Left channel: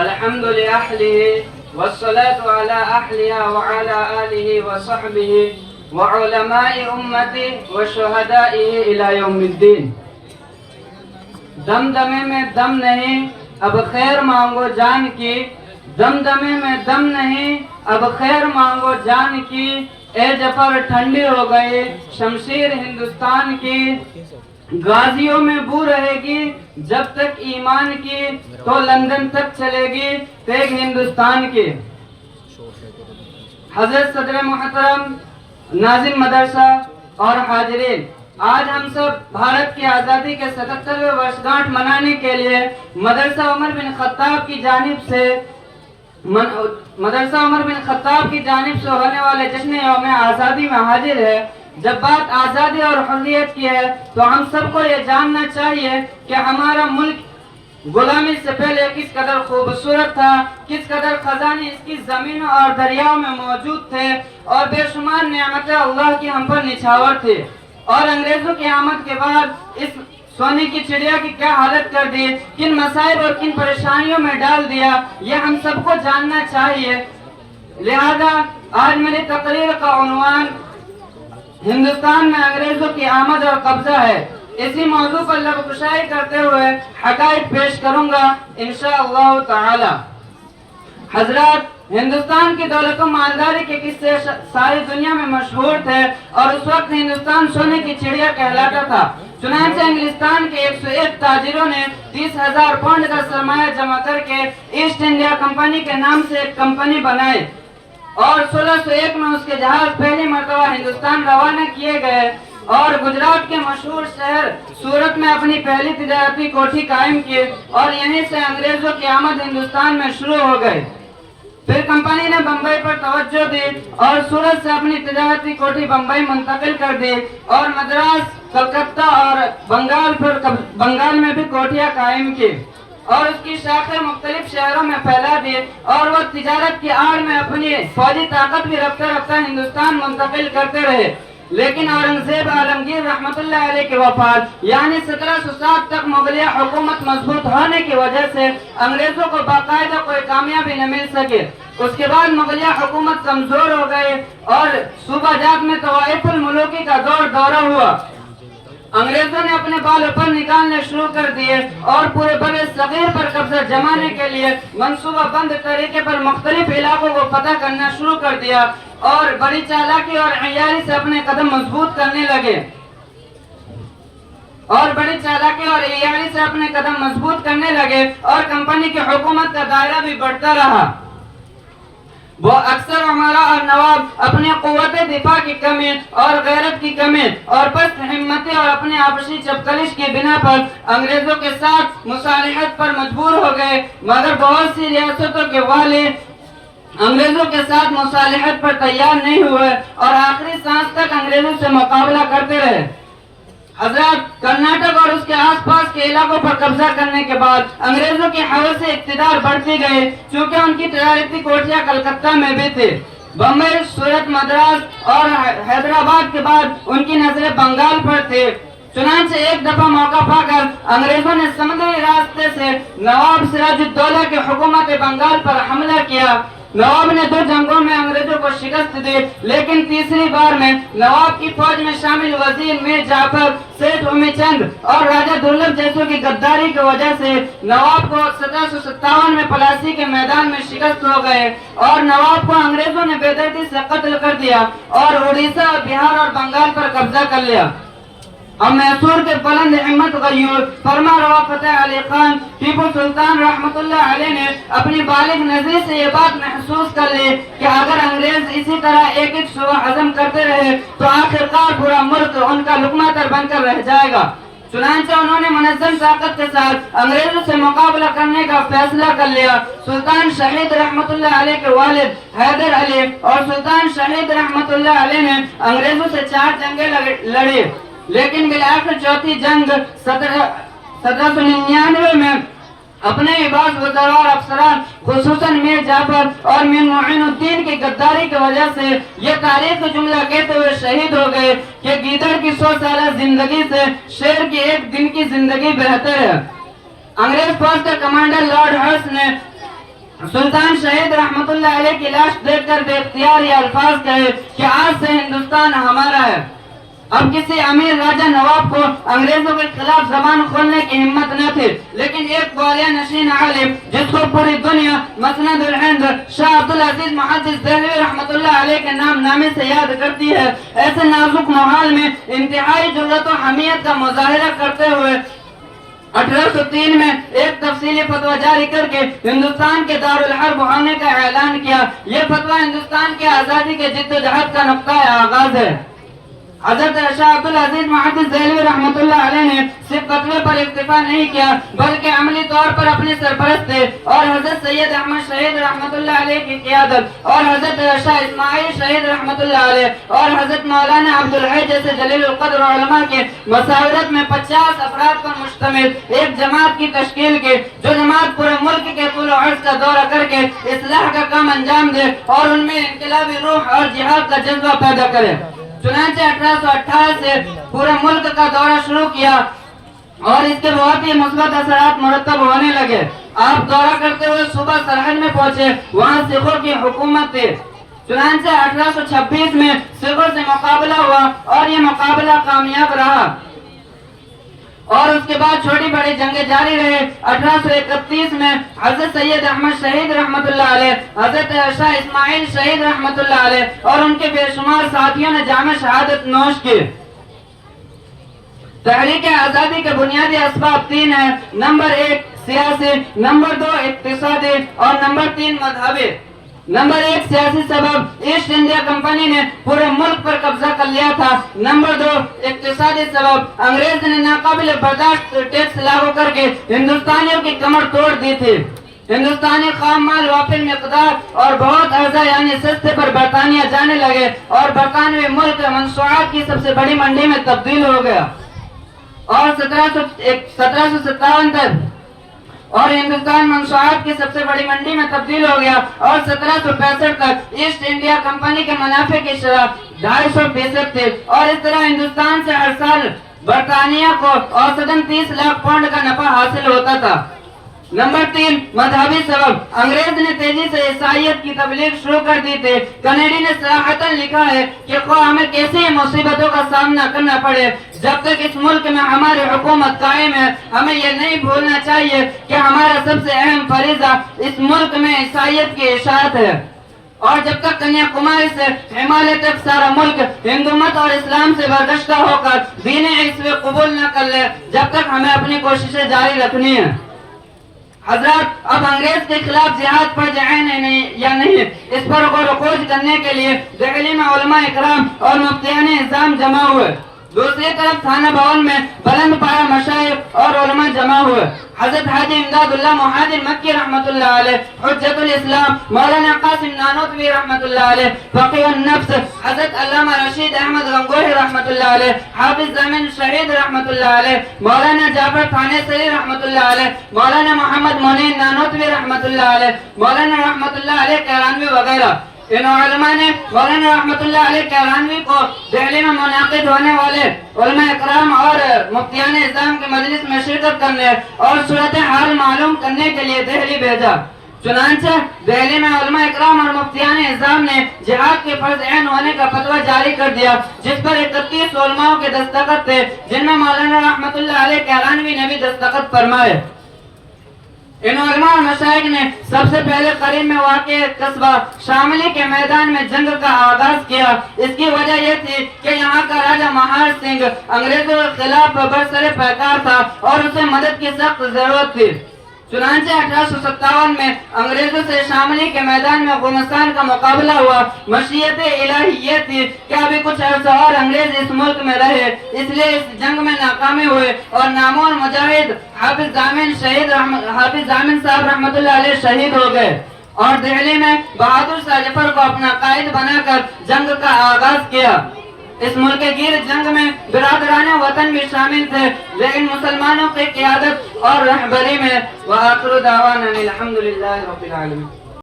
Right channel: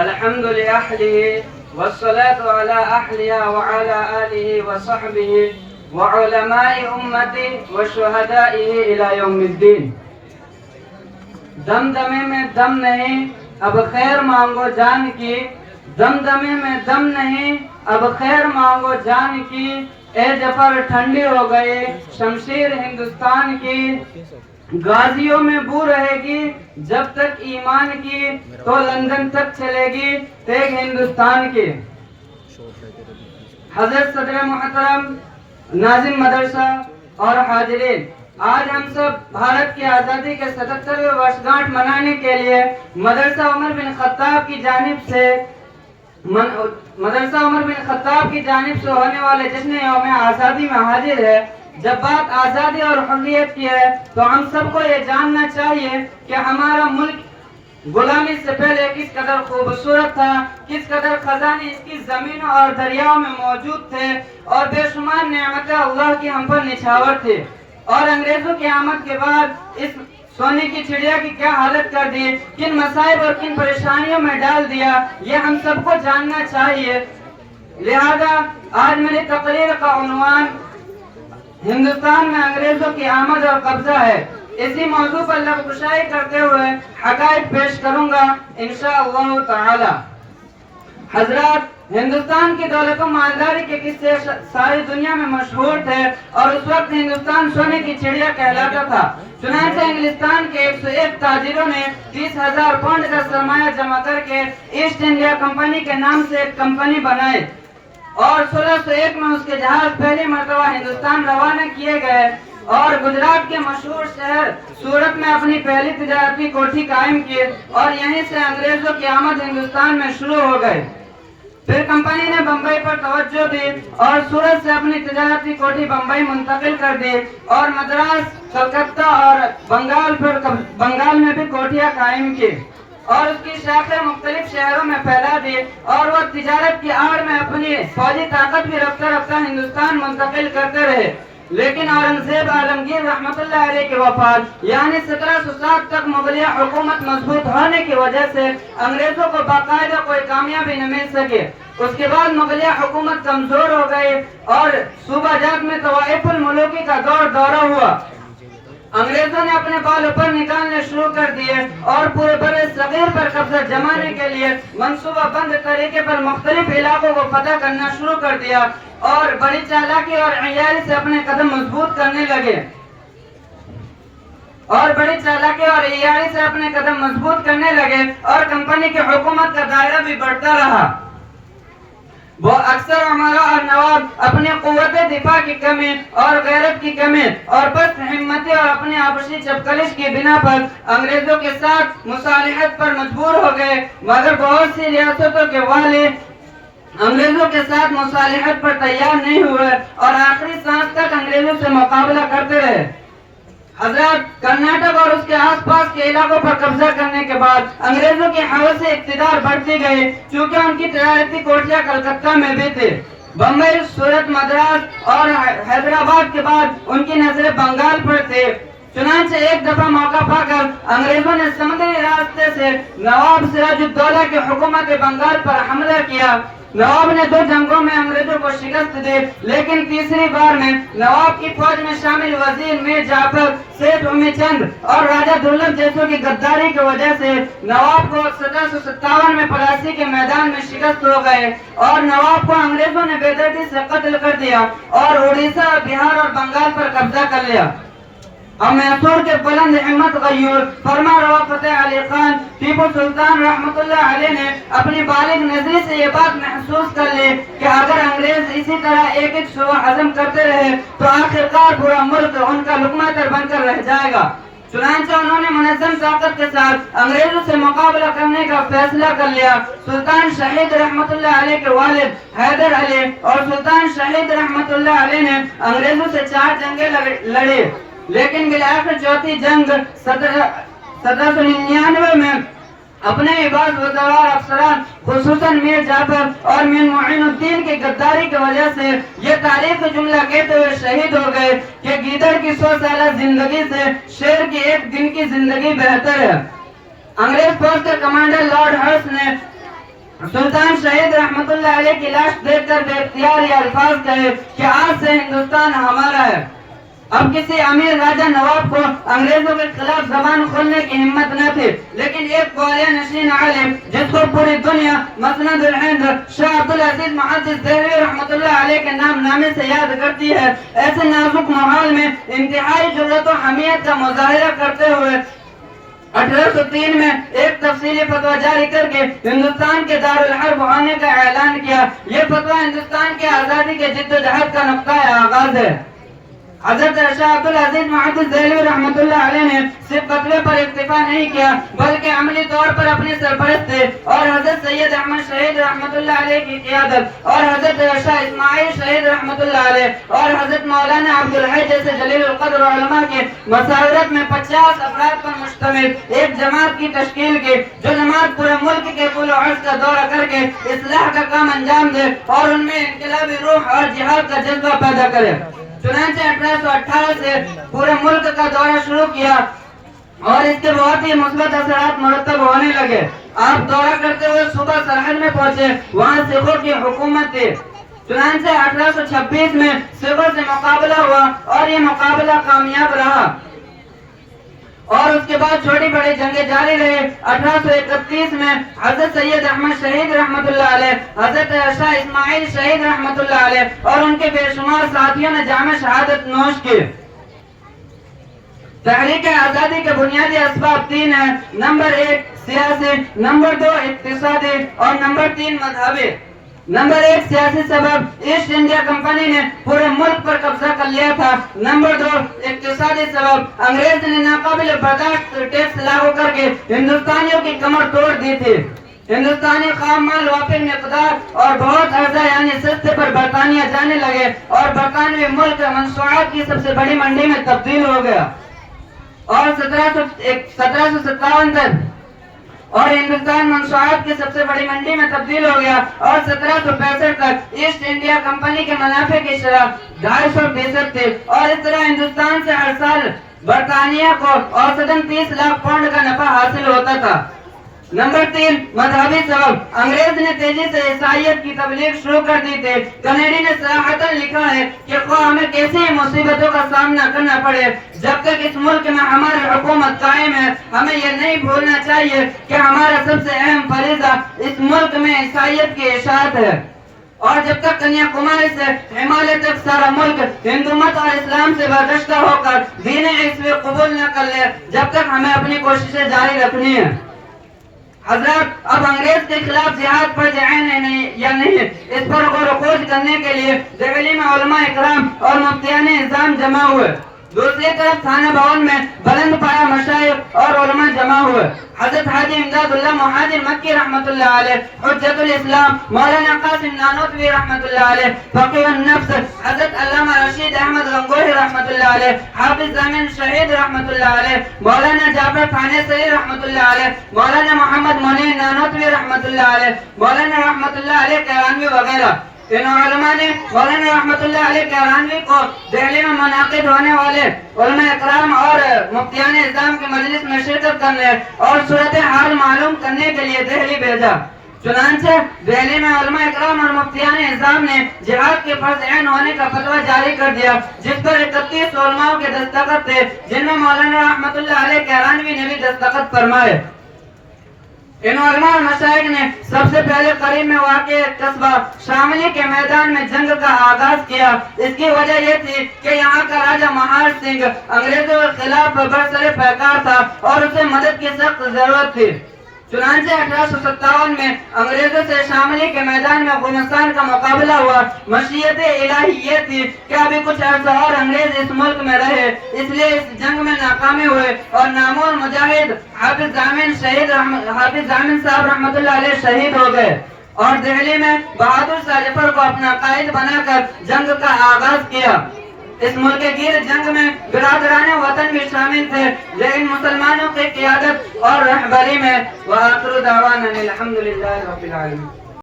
الحمد لأهله والصلاة على أهلها وعلى آله وصحبه وعلماء أمته وشهدائه إلى يوم الدين. دمدمے میں دم نہیں اب خیر مانگو جان کی، دمدمے میں دم نہیں اب خیر مانگو جان کی، اے جفر ٹھنڈی ہو گئے شمشیر ہندوستان کی، غازیوں میں بو رہے گی جب تک ایمان کی، تو لندن تک چلے گی تیغ ہندوستان کی. حضرت صدر محترم، ناظم مدرسہ اور حاضرین، آج ہم سب بھارت کی آزادی کے 77ویں ورشگانٹھ منانے کے لیے مدرسہ عمر بن خطاب کی جانب سے ہونے والے جشن یوم آزادی میں حاضر ہے. جب بات آزادی اور حریت کی ہے تو ہم سب کو یہ جاننا چاہیے کہ ہمارا ملک غلامی سے پہلے کس قدر خوبصورت تھا، کس قدر خزانے اس کی زمینوں اور دریاؤں میں موجود تھے، اور بے شمار نعمتیں اللہ کی ہم پر نچھاور تھی، اور انگریزوں کی آمد کے بعد اس سونے کی چڑیا کی کیا حالت کر دی، کن مسائل اور کن پریشانیوں میں ڈال دیا، یہ ہم سب کو جاننا چاہیے. لہذا آج میری تقریر کا عنوان ہندوستان میں انگریزوں کی آمد اور قبضہ ہے. اسی موضوع پر لب کشائی کرتے ہوئے حقائق پیش کروں گا انشاءاللہ تعالی. حضرات، ہندوستان کی دولت و مالداری کے قصے ساری دنیا میں مشہور تھے، اور اس وقت ہندوستان سونے کی چڑیا کہلاتا تھا. چنانچہ انگلستان کے 101 تاجروں نے 30,000 پاؤنڈ کا سرمایہ جمع کر کے ایسٹ انڈیا کمپنی کے نام سے ایک کمپنی بنائی، اور 1601 میں اس کے جہاز پہلی مرتبہ ہندوستان روانہ کیے گئے، اور گجرات کے مشہور شہر سورت میں اپنی پہلی تجارتی کوٹھی قائم کی، اور یہیں سے انگریزوں کی آمد ہندوستان میں شروع ہو گئی. پھر کمپنی نے بمبئی پر توجہ دی اور سورت سے اپنی تجارتی کوٹھی بمبئی منتقل کر دی، اور مدراس، کلکتہ اور بنگال میں بھی کوٹھیاں قائم کی، اور اس کی شاخیں مختلف شہروں میں پھیلا دی، اور وہ تجارت کی آڑ میں اپنی فوجی طاقت بھی رفتہ رفتہ ہندوستان منتقل کرتے رہے. لیکن اورنگزیب عالمگیر رحمت اللہ علیہ کے وفات یعنی 1707 تک مغلیہ حکومت مضبوط ہونے کی وجہ سے انگریزوں کو باقاعدہ کوئی کامیابی نہ مل سکی. اس کے بعد مغلیہ حکومت کمزور ہو گئی، اور صوبہ جات میں طوائف الملوکی کا دورہ ہوا. انگریزوں نے اپنے بال پر نکالنے شروع کر دیے، اور پورے بر صغیر پر قبضہ جمانے کے لیے منصوبہ بند طریقے پر مختلف علاقوں کو فتح کرنا شروع کر دیا، اور بڑی چالاکی اور عیاری سے اپنے قدم مضبوط کرنے لگے، اور کمپنی کی حکومت کا دائرہ بھی بڑھتا رہا. وہ اکثر عمراء اور نواب اپنی قوت دفاع کی کمی اور غیرت کی کمی اور پست ہمتی اور اپنی آپسی چپکلش کی بنا پر انگریزوں کے ساتھ مصالحت پر مجبور ہو گئے، مگر بہت سی ریاستوں کے والی انگریزوں کے ساتھ مصالحت پر تیار نہیں ہوئے، اور آخری سانس تک انگریزوں سے مقابلہ کرتے رہے. حضرات، کرناٹک اور اس کے آس پاس کے علاقوں پر قبضہ کرنے کے بعد انگریزوں کی حوث سے اقتدار بڑھتی گئی، چونکہ ان کی تجارتی کوٹھیاں کلکتہ میں بھی تھی. بمبئی، سورت، مدراس اور حیدرآباد کے بعد ان کی نظریں بنگال پر تھی. چنانچہ ایک دفعہ موقع پا کر انگریزوں نے سمندری راستے سے نواب سراج الدولہ کی حکومت بنگال پر حملہ کیا. نواب نے 2 جنگوں میں انگریزوں کو شکست دی، لیکن تیسری بار میں نواب کی فوج میں شامل وزیر میر جعفر، سیٹھ امی چند اور راجہ دولت جیسوں کی غداری کی وجہ سے نواب کو 1757 میں پلاسی کے میدان میں شکست ہو گئے، اور نواب کو انگریزوں نے بے دردی سے قتل کر دیا، اور اڑیسہ، بہار اور بنگال پر قبضہ کر لیا. اور میسور کے بلند ہمت غیور فرما روا فتح علی خان ٹیپو سلطان رحمت اللہ علیہ نے اپنی بالغ نظری سے یہ بات محسوس کر لی کہ اگر انگریز اسی طرح ایک ایک صوبہ عزم کرتے رہے تو آخرکار پورا ملک ان کا لقمہ تر بن کر رہ جائے گا. چنانچہ انہوں نے منظم طاقت کے ساتھ انگریزوں سے مقابلہ کرنے کا فیصلہ کر لیا. سلطان شہید رحمت اللہ علیہ کے والد حیدر علی اور سلطان شہید رحمت اللہ علیہ نے انگریزوں سے 4 جنگیں لڑی، لیکن بالآخر چوتھی جنگ 1799 میں اپنے عباس وزراء اور افسران خصوصاً میر جعفر اور میر معین الدین کی غداری کی وجہ سے یہ تاریخ جملہ کہتے ہوئے شہید ہو گئے کہ گیدڑ کی 100 سالہ زندگی سے شیر کی 1 دن کی زندگی بہتر ہے. انگریز فوج کے کمانڈر لارڈ ہرس نے سلطان شہید رحمت اللہ علیہ کی لاش دیکھ کر بے اختیار یہ الفاظ کہے کہ آج سے ہندوستان ہمارا ہے۔ اب کسی امیر راجہ نواب کو انگریزوں کے خلاف زبان کھولنے کی ہمت نہ تھی، لیکن ایک گوالیہ نشین عالم جس کو پوری دنیا مسند الہند شاہ عبدالعزیز محدث دہلوی رحمت اللہ علیہ کے نامے سے یاد کرتی ہے، ایسے نازک ماحول میں انتہائی جرأت و حمیت کا مظاہرہ کرتے ہوئے 1803 میں ایک تفصیلی فتویٰ جاری کر کے ہندوستان کے دارالحرب ہونے کا اعلان کیا۔ یہ فتویٰ ہندوستان کی آزادی کے جد و جہد کا نقطۂ آغاز ہے۔ حضرت شاہ عبدالعزیز محدث دہلوی رحمت اللہ علیہ نے صرف فتوے پر اکتفا نہیں کیا بلکہ عملی طور پر اپنے سرپرست تھے اور حضرت سید احمد شہید رحمت اللہ علیہ کی قیادت اور حضرت شاہ اسماعیل شہید رحمت اللہ علیہ اور حضرت مولانا عبدالحی جیسے جلیل القدر علماء کے مشاورت میں 50 افراد پر مشتمل ایک جماعت کی تشکیل کی، جو جماعت پورے ملک کے طول و عرض کا دورہ کر کے اصلاح کا کام انجام دے اور ان میں انقلابی روح اور جہاد کا جذبہ پیدا کرے۔ چنانچہ 1818 سے پورے ملک کا دورہ شروع کیا اور اس کے بہت ہی مثبت اثرات مرتب ہونے لگے۔ آپ دورہ کرتے ہوئے صبح سرحد میں پہنچے، وہاں سکھوں کی حکومت تھی۔ چنانچہ 1826 میں سکھوں سے مقابلہ ہوا اور یہ مقابلہ کامیاب رہا اور اس کے بعد چھوٹی بڑی جنگیں جاری رہے۔ 1831 میں حضرت سید احمد شہید رحمت اللہ علیہ، حضرت شاہ اسماعیل شہید رحمت اللہ علیہ اور ان کے بے شمار ساتھیوں نے جامع شہادت نوش کی۔ تحریک آزادی کے بنیادی اسباب 3 ہیں: نمبر 1 سیاسی، نمبر 2 اقتصادی اور نمبر 3 مذہبی۔ نمبر 1 سیاسی سبب، ایسٹ انڈیا کمپنی نے پورے ملک پر قبضہ کر لیا تھا۔ نمبر 2 اقتصادی سبب، انگریز نے ناقابل برداشت ٹیکس لاگو کر کے ہندوستانیوں کی کمر توڑ دی تھی۔ ہندوستانی خام مال وافر مقدار اور بہت ارزاں یعنی سستے پر برطانیہ جانے لگے اور برطانوی ملک منشوعات کی سب سے بڑی منڈی میں تبدیل ہو گیا اور 1757 تک اور ہندوستان منشوعات کی سب سے بڑی منڈی میں تبدیل ہو گیا اور 1765 تک ایسٹ انڈیا کمپنی کے منافع کی شرح 250% تھی اور اس طرح ہندوستان سے ہر سال برطانیہ کو اوسطاً 30 لاکھ پاؤنڈ کا نفع حاصل ہوتا تھا۔ نمبر 3 مذہبی سبب، انگریز نے تیزی سے عیسائیت کی تبلیغ شروع کر دی تھی۔ کینیڈی نے صراحتاً لکھا ہے کہ خواہ ہمیں کیسی مصیبتوں کا سامنا کرنا پڑے، جب تک اس ملک میں ہماری حکومت قائم ہے ہمیں یہ نہیں بھولنا چاہیے کہ ہمارا سب سے اہم فریضہ اس ملک میں عیسائیت کی اشاعت ہے، اور جب تک کنیا کماری سے ہمالیہ تک سارا ملک ہندو مت اور اسلام سے برگشتہ ہو کر دین عیسوی قبول نہ کر لے، جب تک ہمیں اپنی کوششیں جاری رکھنی ہے۔ حضرات، اب انگریز کے خلاف جہاد فرض عین ہے یا نہیں، اس پر غور و خوض کرنے کے لیے دہلی میں علماء اکرام اور مفتیان نظام جمع ہوئے۔ دوسری طرف تھانہ بھون میں بلند پایہ مشائخ اور علماء جمع ہوئے۔ حضرت حاجی امداد اللہ مہاجر مکی رحمت اللہ علیہ، حجت الاسلام مولانا قاسم نانوتوی رحمت اللہ علیہ، فقیہ النفس حضرت علامہ رشید احمد غنگوہی رحمت اللہ علیہ، حافظ زامن شہید رحمت اللہ علیہ، مولانا جعفر تھانیسری رحمت اللہ علیہ، مولانا محمد منیر نانوتوی رحمت اللہ علیہ، مولانا رحمت اللہ علیہ کیرانوی وغیرہ۔ ان علماء نے مولانا رحمت اللہ علیہ کیرانوی کو دہلی میں منعقد ہونے والے علماء اکرام اور مفتیان نظام کے مجلس میں شرکت کرنے اور صورتحال معلوم کرنے کے لیے دہلی بھیجا۔ چنانچہ دہلی میں علماء اکرام اور مفتیان نظام نے جہاد کے فرض عین ہونے کا فتویٰ جاری کر دیا، جس پر 31 علماء کے دستخط تھے، جن میں مولانا رحمت اللہ علیہ کیرانوی نے بھی دستخط فرمائے۔ ان علماء مشائخ نے سب سے پہلے قریب میں واقع قصبہ شاملی کے میدان میں جنگ کا آغاز کیا۔ اس کی وجہ یہ تھی کہ یہاں کا راجہ مہار سنگھ انگریزوں کے خلاف برسر پیکار تھا اور اسے مدد کی سخت ضرورت تھی۔ چنانچہ 1857 میں انگریزوں سے شاملی کے میدان میں گلستان کا مقابلہ ہوا۔ مشیت الہی یہ تھی کہ ابھی کچھ عرصہ اور انگریز اس ملک میں رہے، اس لیے اس جنگ میں ناکامی ہوئے اور نامور مجاہد حافظ زامن صاحب رحمت اللہ علیہ شہید ہو گئے اور دہلی میں بہادر شاہ ظفر کو اپنا قائد بنا کر جنگ کا آغاز کیا۔ اس ملک گیر جنگ میں برادران وطن بھی شامل تھے، لیکن مسلمانوں کی قیادت اور رہبری میں وآخر دعوانا الحمدللہ رب العالمین۔